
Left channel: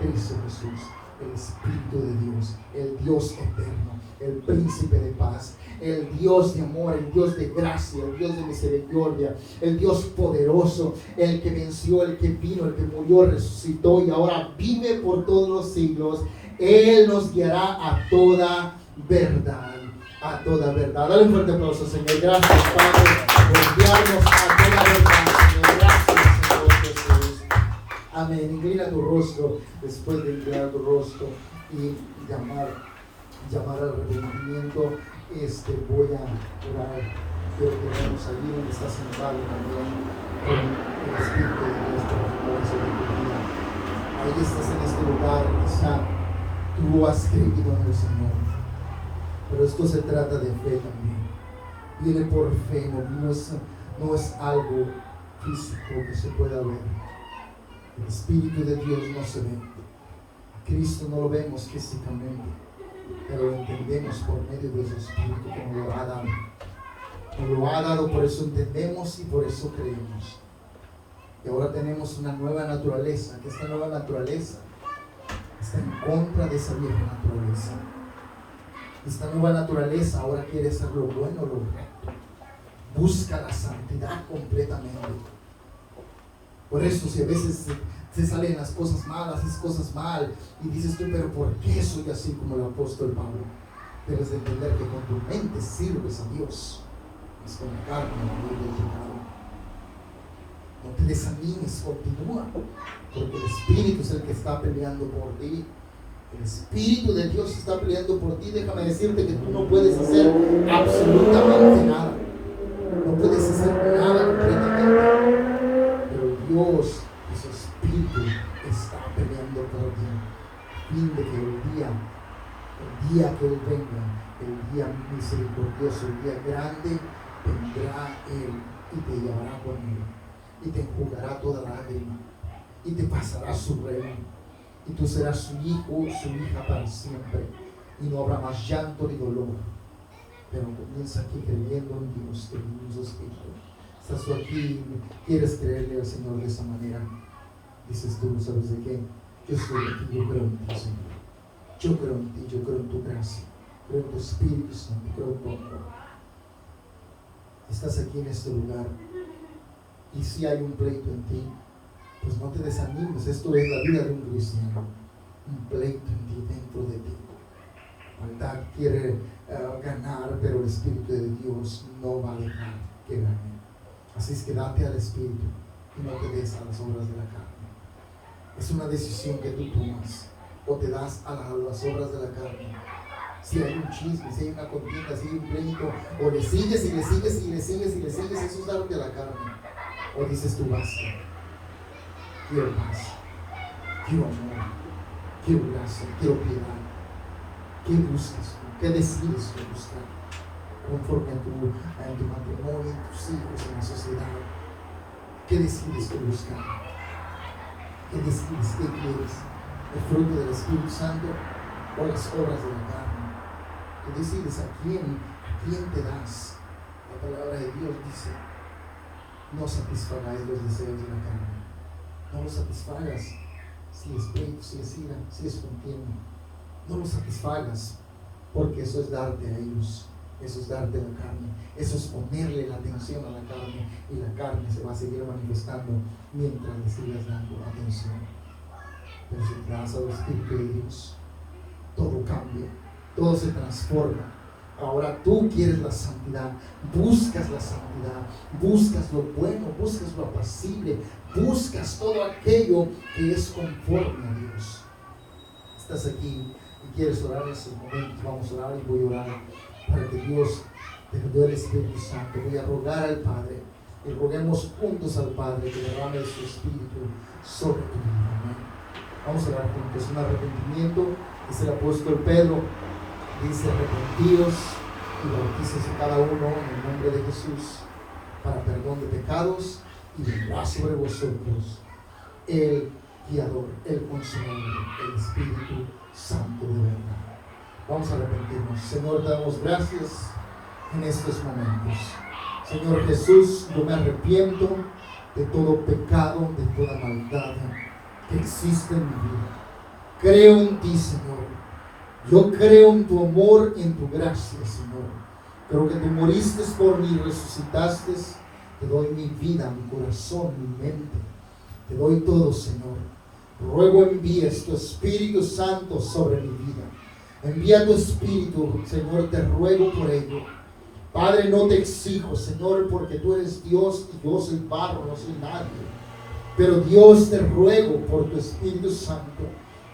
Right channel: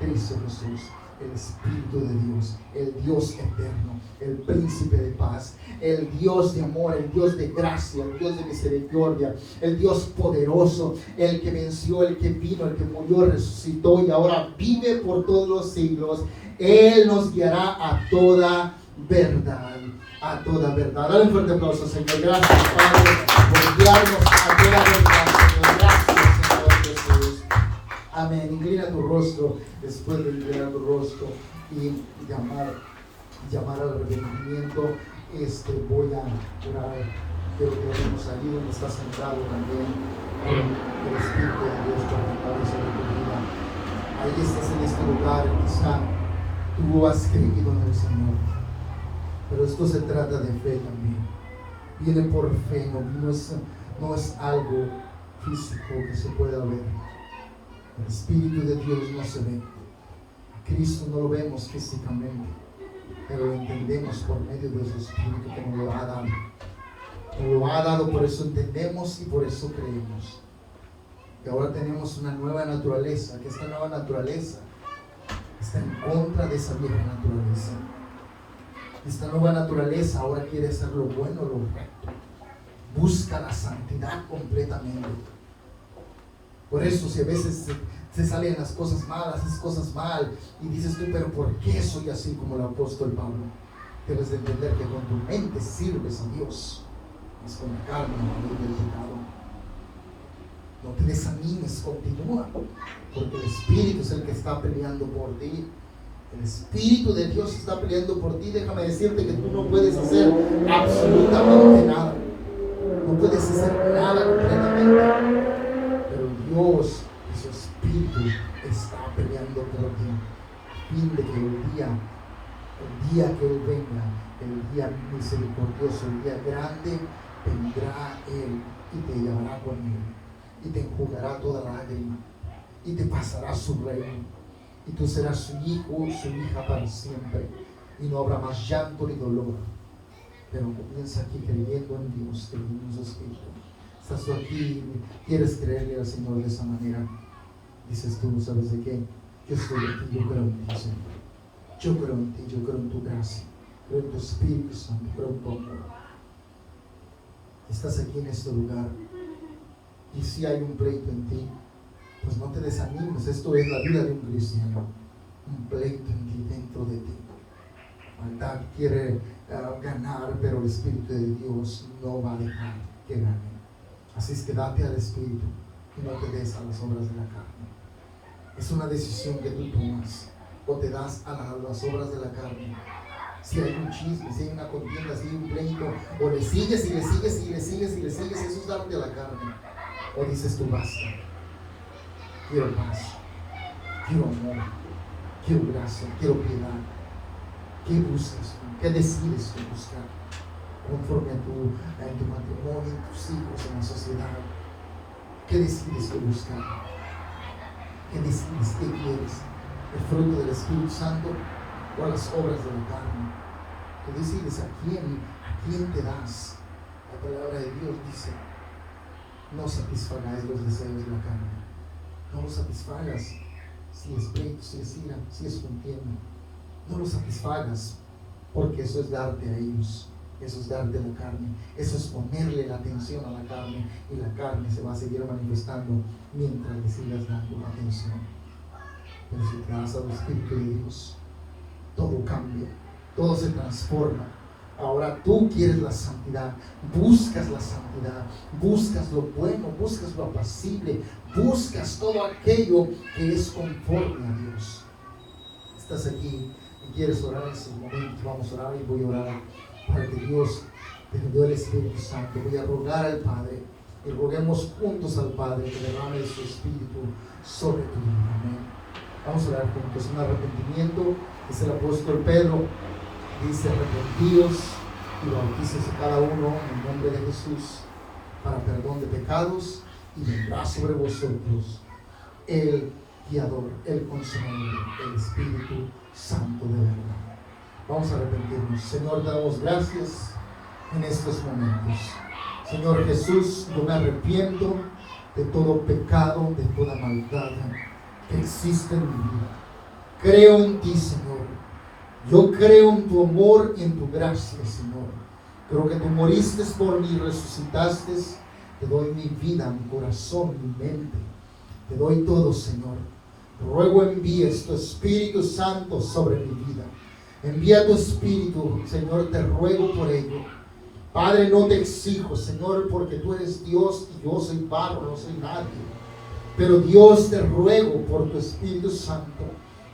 Cristo Jesús, el Espíritu de Dios, el Dios eterno, el príncipe de paz, el Dios de amor, el Dios de gracia, el Dios de misericordia, el Dios poderoso, el que venció, el que vino, el que murió, resucitó y ahora vive por todos los siglos. Él nos guiará a toda verdad, a toda verdad. Dale un fuerte aplauso, Señor. Gracias, Padre, por guiarnos a toda verdad, Señor. Gracias, Señor Jesús. Amén. Inclina tu rostro, después de inclinar tu rostro y llamar al arrepentimiento. Voy a orar. Quiero que oremos allí donde está sentado también con el Espíritu de Dios para que sobre tu vida. Ahí estás en este lugar, quizá tú has creído en el Señor, pero esto se trata de fe también. Viene por fe, no es algo físico que se pueda ver. El Espíritu de Dios no se ve. A Cristo no lo vemos físicamente, pero lo entendemos por medio de su Espíritu que nos lo ha dado. Nos lo ha dado, por eso entendemos y por eso creemos. Y ahora tenemos una nueva naturaleza, que esta nueva naturaleza está en contra de esa vieja naturaleza. Esta nueva naturaleza ahora quiere hacer lo bueno, lo recto. Busca la santidad completamente. Por eso si a veces se salen las cosas malas, haces cosas mal y dices tú, pero ¿por qué soy así como el apóstol Pablo? Debes de entender que con tu mente sirves a Dios, más con la carne, no del pecado. No te desanimes, continúa, porque el Espíritu es el que está peleando por ti. El Espíritu de Dios está peleando por ti. Déjame decirte que tú no puedes hacer absolutamente nada. No puedes hacer nada completamente. Pero Dios y su Espíritu está peleando por ti. A fin de que el día que Él venga, el día misericordioso, el día grande, vendrá Él y te llevará con Él. Y te enjugará toda lágrima. Y te pasará su reino. Y tú serás su hijo, su hija para siempre. Y no habrá más llanto ni dolor. Pero comienza aquí creyendo en Dios, que en su Espíritu. Estás tú aquí y quieres creerle al Señor de esa manera. Dices tú, ¿sabes de qué? Yo estoy aquí, yo creo en ti, Señor. Yo creo en ti, yo creo en tu gracia. Creo en tu Espíritu Santo, creo en tu amor. Estás aquí en este lugar. Y si hay un pleito en ti, pues no te desanimes. Esto es la vida de un cristiano. Un pleito en ti, dentro de ti. Maldad quiere ganar, pero el Espíritu de Dios no va a dejar que gane. Así es que date al Espíritu y no te des a las obras de la carne. Es una decisión que tú tomas. O te das a las obras de la carne. Si hay un chisme, si hay una contienda, si hay un pleito, o le sigues y le sigues y le sigues y le sigues, eso es darte a la carne. O dices tú, basta, quiero paz, quiero amor, quiero gracia, quiero piedad. ¿Qué buscas tú? ¿Qué decides tú buscar? Conforme en tu matrimonio, en tus hijos, en la sociedad. ¿Qué decides tú buscar? ¿Qué decides? ¿Qué quieres? ¿El fruto del Espíritu Santo o las obras de la carne? ¿Qué decides? ¿A quién te das? La palabra de Dios dice: no satisfagáis los deseos de la carne. No los satisfagas. Si es pleito, si es ira, si es contienda, no los satisfagas, porque eso es darte a ellos. Eso es darte a la carne, eso es ponerle la atención a la carne, y la carne se va a seguir manifestando mientras le sigas dando atención. Pero si te das al Espíritu de Dios, todo cambia, todo se transforma. Ahora tú quieres la santidad, buscas la santidad, buscas lo bueno, buscas lo apacible, buscas todo aquello que es conforme a Dios. Estás aquí y quieres orar en ese momento, vamos a orar y voy a orar para que Dios te dé el Espíritu Santo. Voy a rogar al Padre y roguemos juntos al Padre que derrame de su Espíritu sobre tu vida. Amén. Vamos a orar juntos. Un arrepentimiento. Es el apóstol Pedro. Dice: arrepentidos y bautícense cada uno en el nombre de Jesús para perdón de pecados, y vendrá sobre vosotros el guiador, el consolador, el Espíritu Santo de verdad. Vamos a arrepentirnos. Señor, damos gracias en estos momentos. Señor Jesús, yo me arrepiento de todo pecado, de toda maldad que existe en mi vida. Creo en ti, Señor. Yo creo en tu amor y en tu gracia, Señor. Creo que tú moriste por mí y resucitaste. Te doy mi vida, mi corazón, mi mente. Te doy todo, Señor. Ruego envíes tu Espíritu Santo sobre mi vida. Envía tu Espíritu, Señor, te ruego por ello. Padre, no te exijo, Señor, porque tú eres Dios y yo soy barro, no soy nadie. Pero Dios, te ruego por tu Espíritu Santo.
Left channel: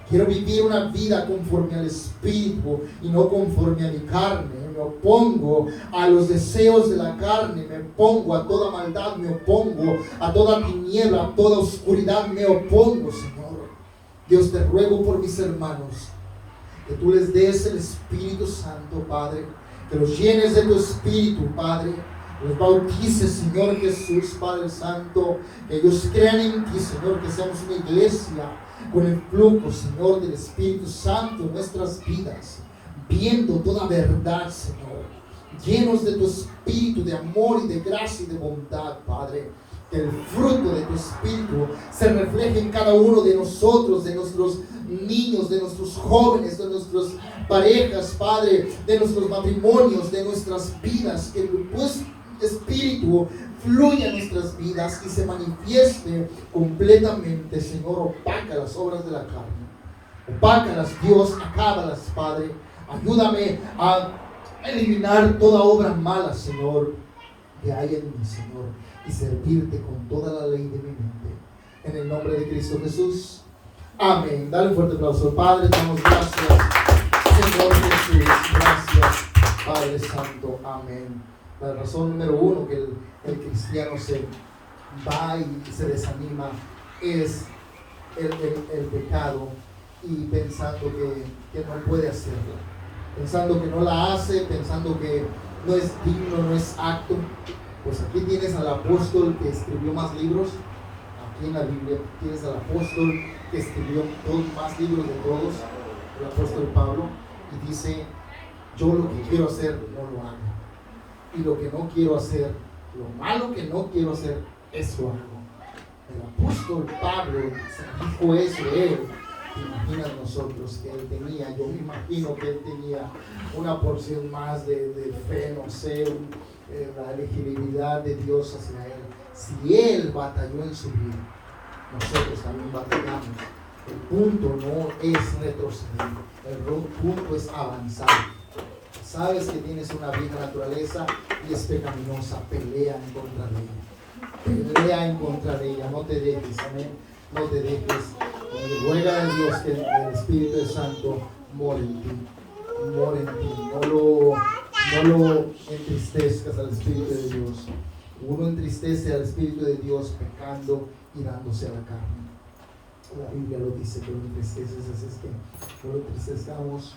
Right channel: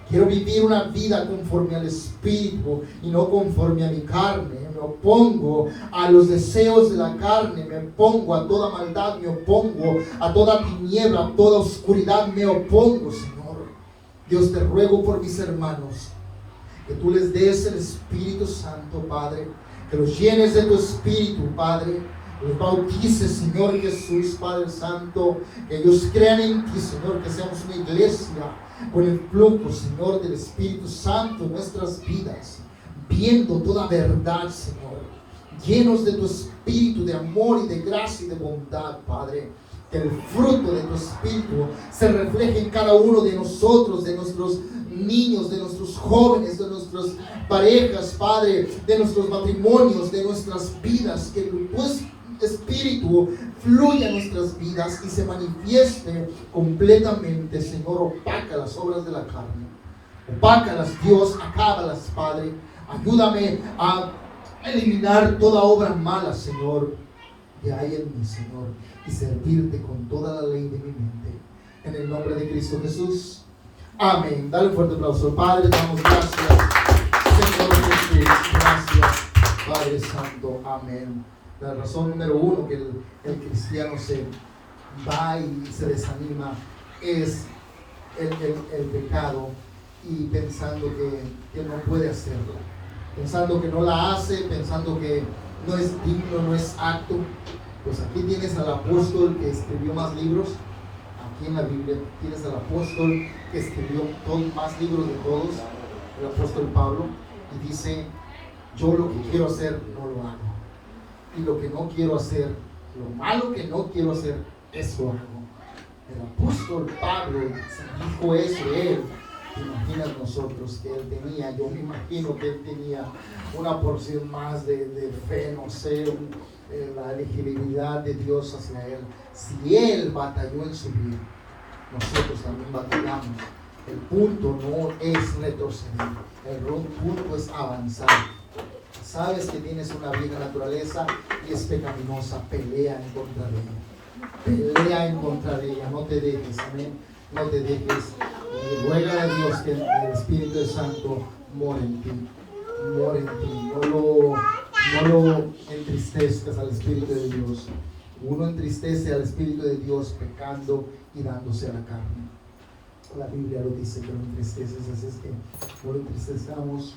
Quiero vivir una vida conforme al Espíritu y no conforme a mi carne. Me opongo a los deseos de la carne, me opongo a toda maldad, me opongo a toda tiniebla, a toda oscuridad, me opongo, Señor. Dios, te ruego por mis hermanos, que tú les des el Espíritu Santo, Padre, que los llenes de tu Espíritu, Padre, los bautices, Señor Jesús, Padre Santo, que ellos crean en ti, Señor, que seamos una iglesia con el flujo, Señor, del Espíritu Santo en nuestras vidas, viendo toda verdad, Señor, llenos de tu Espíritu de amor y de gracia y de bondad, Padre. Que el fruto de tu Espíritu se refleje en cada uno de nosotros, de nuestros niños, de nuestros jóvenes, de nuestras parejas, Padre, de nuestros matrimonios, de nuestras vidas. Que tu Espíritu fluya en nuestras vidas y se manifieste completamente, Señor. Opaca las obras de la carne, opácalas, Dios, acábalas, Padre. Ayúdame a eliminar toda obra mala, Señor, que hay en mí, Señor, y servirte con toda la ley de mi mente. En el nombre de Cristo Jesús. Amén. Dale un fuerte aplauso al Padre. Te damos gracias, Señor Jesús. Gracias, Padre Santo. Amén. La razón número uno que el cristiano se va y se desanima es el pecado, y pensando que no puede hacerla, pensando que no la hace, pensando que no es digno, no es apto. Pues aquí tienes al apóstol que escribió más libros. Aquí en la Biblia tienes al apóstol que escribió más libros de todos, el apóstol Pablo, y dice: yo lo que quiero hacer no lo hago, y lo que no quiero hacer, lo malo que no quiero hacer, eso hago. El apóstol Pablo se dijo eso. Él, ¿te imaginas nosotros que él tenía? Yo me imagino que él tenía una porción más de fe, no sé, la elegibilidad de Dios hacia él. Si él batalló en su vida, nosotros también batallamos. El punto no es retroceder, el punto es avanzar. Sabes que tienes una vieja naturaleza y es pecaminosa, pelea en contra de ella. Pelea en contra de ella, no te dejes, amén. No te dejes. Y ruega a Dios que el Espíritu Santo more en ti. More en ti. No lo entristezcas al Espíritu de Dios. Uno entristece al Espíritu de Dios pecando y dándose a la carne. La Biblia lo dice que lo entristeces, así es que no lo entristezcamos,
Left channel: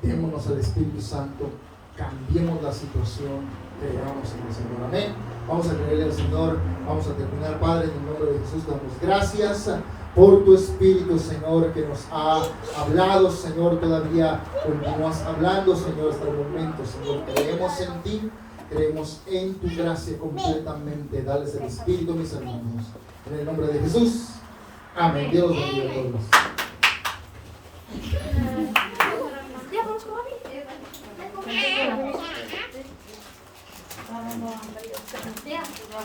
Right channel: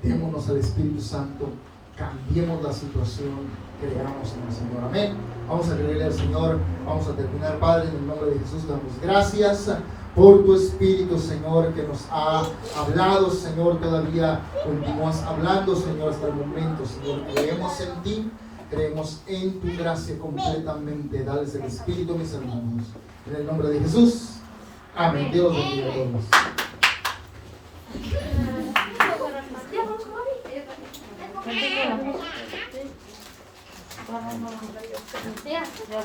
démonos al Espíritu Santo, cambiemos la situación, creamos en el Señor. Amén. Vamos a creerle al Señor, vamos a terminar. Padre, en el nombre de Jesús, damos gracias por tu Espíritu, Señor, que nos ha hablado, Señor, todavía continúas hablando, Señor, hasta el momento, Señor. Creemos en ti, creemos en tu gracia completamente. Dales el Espíritu, mis hermanos. En el nombre de Jesús. Amén. Dios bendiga a todos.